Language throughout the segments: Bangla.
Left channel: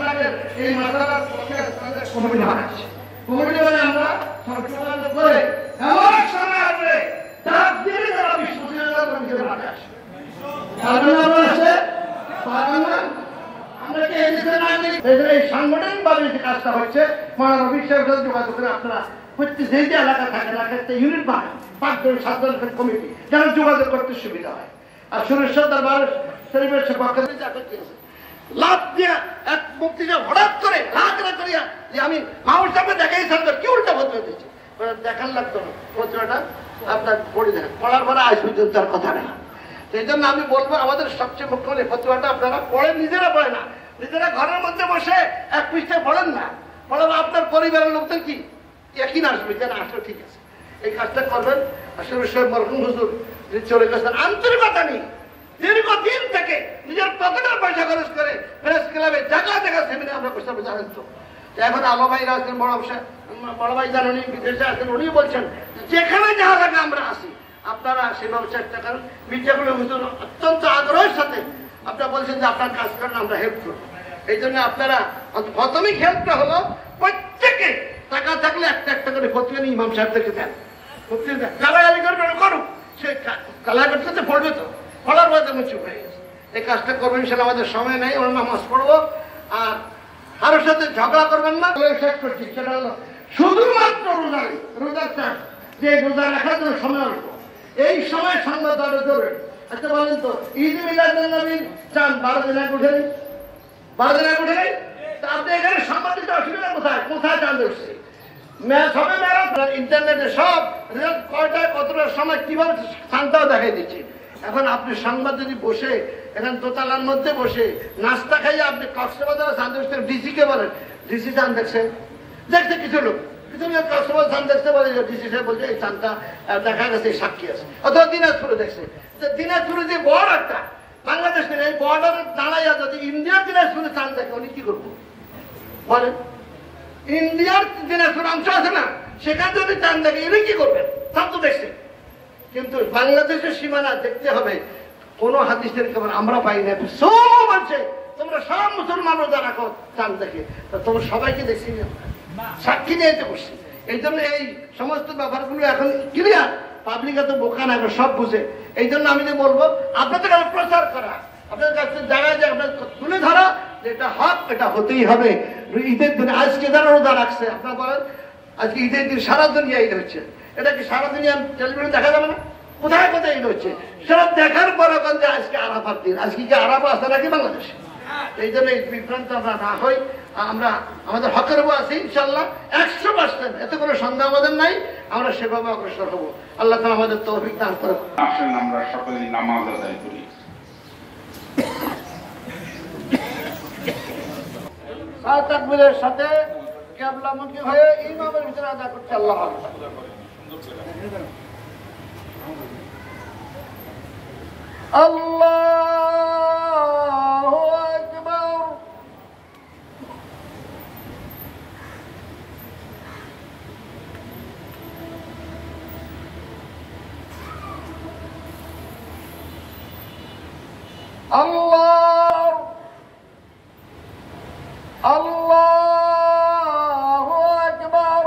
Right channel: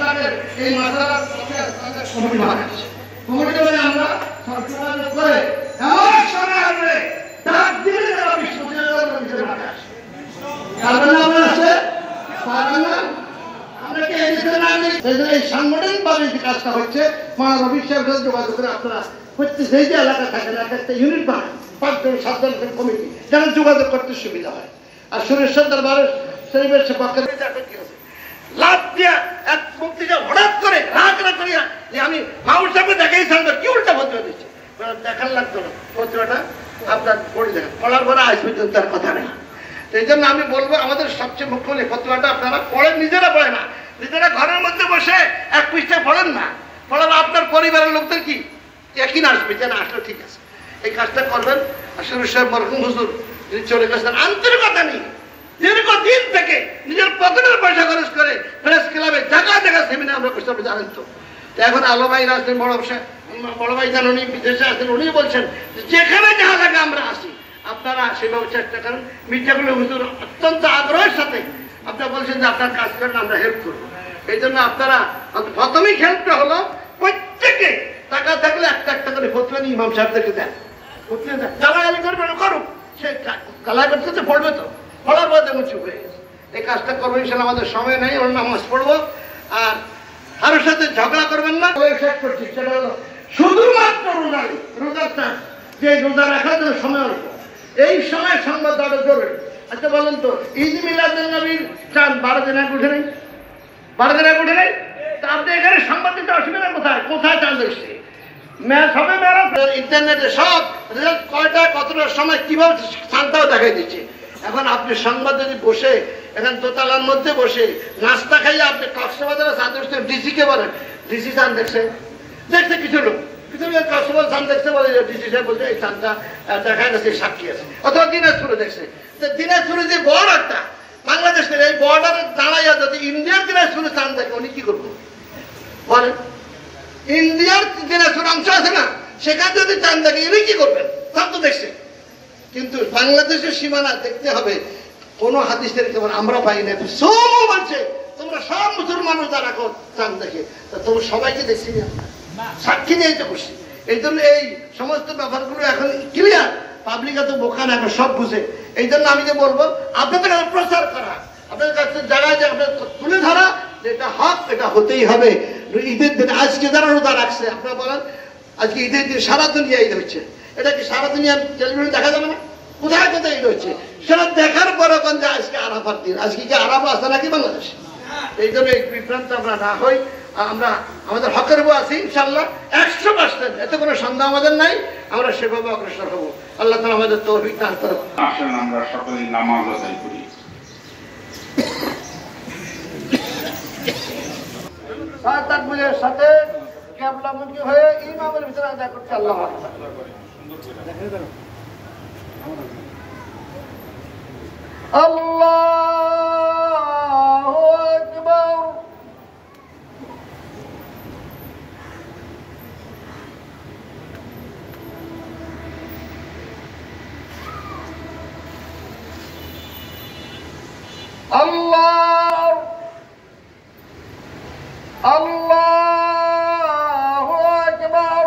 এই মাসালার কমিটি বানাচ্ছি। কমিটি মানে আমরা সরকার করে এমন সময় আসবে ডাক দিয়ে যারা বিশ্ববিদ্যালয়ের কমিটির মাঠে আসে। কারণ আমরা আছে আমরা কি এই সাংগঠনিকভাবে যে কাজটা হচ্ছে মানে অভিষেক যোগাযোগ করে আপনারা প্রত্যেক যে যে এলাকা থাকেন একটা ইউনিট বানান 5 জন 7 জন কমিটি যেন যোগাযোগ করতে সুবিধা হয়। আর সুরেশ্বর দরবার শরীফের পক্ষে লাভ দিয়া এক মুক্তিটা হঠাৎ করে রাগ না করিয়া যে আমি মাউর সামনে দেখাইছিলাম কি উল্টা বলতে দিচ্ছি দেখার লাগতো না পত্রটা আপনার পড়ে যাবে পড়ার পরে আজ পর্যন্ত তার কথা নেই। সেই জন্য আমি বলবো আমাদের সবচেয়ে মুখ্য হলে পত্রটা আপনারা পড়েন, নিজেরা পড়ে না, নিজেরা ঘরের মধ্যে বসে এক পৃষ্ঠা পড়েন না, পড়েন আপনার পরিবারের লোকদের কি একই না আসবে যে না আসলে ঠিক আছে এই কাজটা করবেন। আসলে সব মরহুম হুজুর যিনি চলে গেছেন আন্তরিকতা নেই দীর্ঘদিন থেকে নিজের পকেটের পয়সা খরচ করে প্রেস ক্লাবে জায়গা জায়গা সেমিনার আমরা করতে জানেন। তো এখন আলো ভাইরা আছেন, বড় ভাই যান উনি বিদেশে আছেন, উনি বলছেন যেখানে যাওয়া লাগে আমরা আসি, আপনারা সেভাবে চেষ্টা করেন। মিডিয়াগুলো হুজুর অত্যন্ত আগ্রহের সাথে আপনারা বলছেন যে আপনার কাজ করেন আমরা হেল্প করবো। এই জন্য আপনারা প্রথমেই হেল্পটা হলো প্রত্যেকে টাকা থাকলে একটা একটা করে ফতোয়া ইমাম সাহেবদেরকে দেন, গালাগালি করবে করুক, সে গালা করতে পড়বে তো পড়ার পরে তেমন চুপ হয়ে গেছে। এই কাজটা করবেন সেটা আমাদের সময় নেই, ওর নামাজ পড়বো আর কারোর সাথে ঝগড়া করবেন না। শেষ করছি সেটা হলো শুধুমাত্র রোজার যে রোজা রাখার জন্য সময় অল্প, এই সময় সংবাদ দেওয়াটা জরুরি। আচ্ছা বলেন তো ঈদ মিলাদুন নবীর চান 12 দিন আগে উঠে নেই, 12 দিন আগে উঠে নেই, তা আপনি এখানে সংবাদ দিতে অসুবিধা কোথায়? কোথায় চান দেখছে ম্যাচ হবে ম্যারাথন ইন্টারনেটে সব কয়টা কতটার সময় কিভাবে শান্তাও দেখাই দিচ্ছে। এখন আপনি সংবাদ যদি বসে এখন দোতলার মধ্যে বসে নাস্তা খাইয়ে আপনি কক্সবাজারে চান দেখছেন, ডিসিকে বলেন ডিসি চান দেখছে কিছু লোক কক্সবাজার চান দেখতে বলে ডিসি সাহেব বলছে এই চানটা দেখা গেছে সাক্ষী আছে, অথবা দিনাজপুরে দেখছে। দিনাজপুরে যে বর্ডারটা বাংলাদেশের এই বর্ডারে দাঁড়াইয়া যদি ইন্ডিয়ার দিনাজপুরে চান দেখে উনি কি করবো বলেন? ইন্ডিয়ার দিনাজপুর অংশ আছে না সেখানে যদি চান দেখে উনি কি করবেন? সব তো দেখছে। কিন্তু বাংলাদেশের সীমানা দেখতে হবে কোন হাদিসের কেবল আমরা পাই না, সব বলছে তোমরা সব মুসলমান রোজা রাখো চান দেখে, তা তোমরা সবাইকে দেখছি না, সাক্ষী নিয়ে তো খুশি। এই জন্য এই সমস্ত ব্যাপারগুলো এখন ক্লিয়ার, পাবলিক এত বোকা না, সব বুঝে। এই জন্য আমি যে বলবো আপনাদের কাছে প্রচার করা, আপনাদের কাছে জায়গায় যে আপনার তুলে ধরা এটা হক, এটা হতেই হবে। ঈদের দিন আজকে যারা রোজা রাখছে আপনারা বলেন আজকে ঈদের দিন সারা দুনিয়া ঈদ হচ্ছে, এটা কি সারা দুনিয়া টেলিভিশন দেখা যাবে না? কোথায় কোথায় ঈদ হচ্ছে সেটা দেখার পরে যে আজকে আরাফার দিন, আজকে কি আরাফা আছে নাকি বাংলাদেশে? এই জন্য এই বিভ্রান্ত আমরা না হই, আমরা আমাদের হকের উপর আছি ইনশাল্লাহ 100%, এতে কোনো সন্দেহ আমাদের নাই, আমরা সেভাবে অগ্রসর হবো। আল্লাহ তাআলা আমাদের তৌফিক দান করুন। আসেন আমরা সকলেই নামাজ আদায় করি। তাকবীরের সাথে কিবলামুখী হয়ে ইমামের ভিতরে আদায় করতে আল্লাহ আল্লাহু আকবার। আল্লাহ আল্লাহু আকবার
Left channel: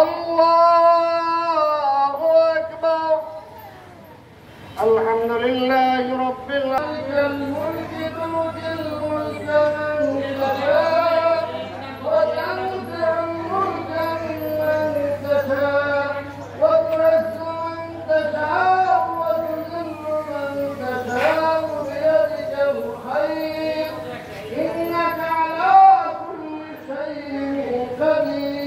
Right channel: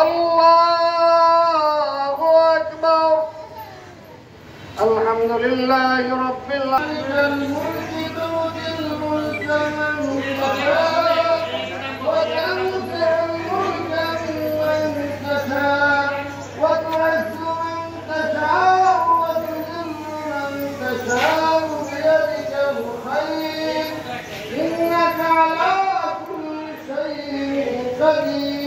আল্লাহু আকবার। আলহামদুলিল্লাহি রাব্বিল آمين.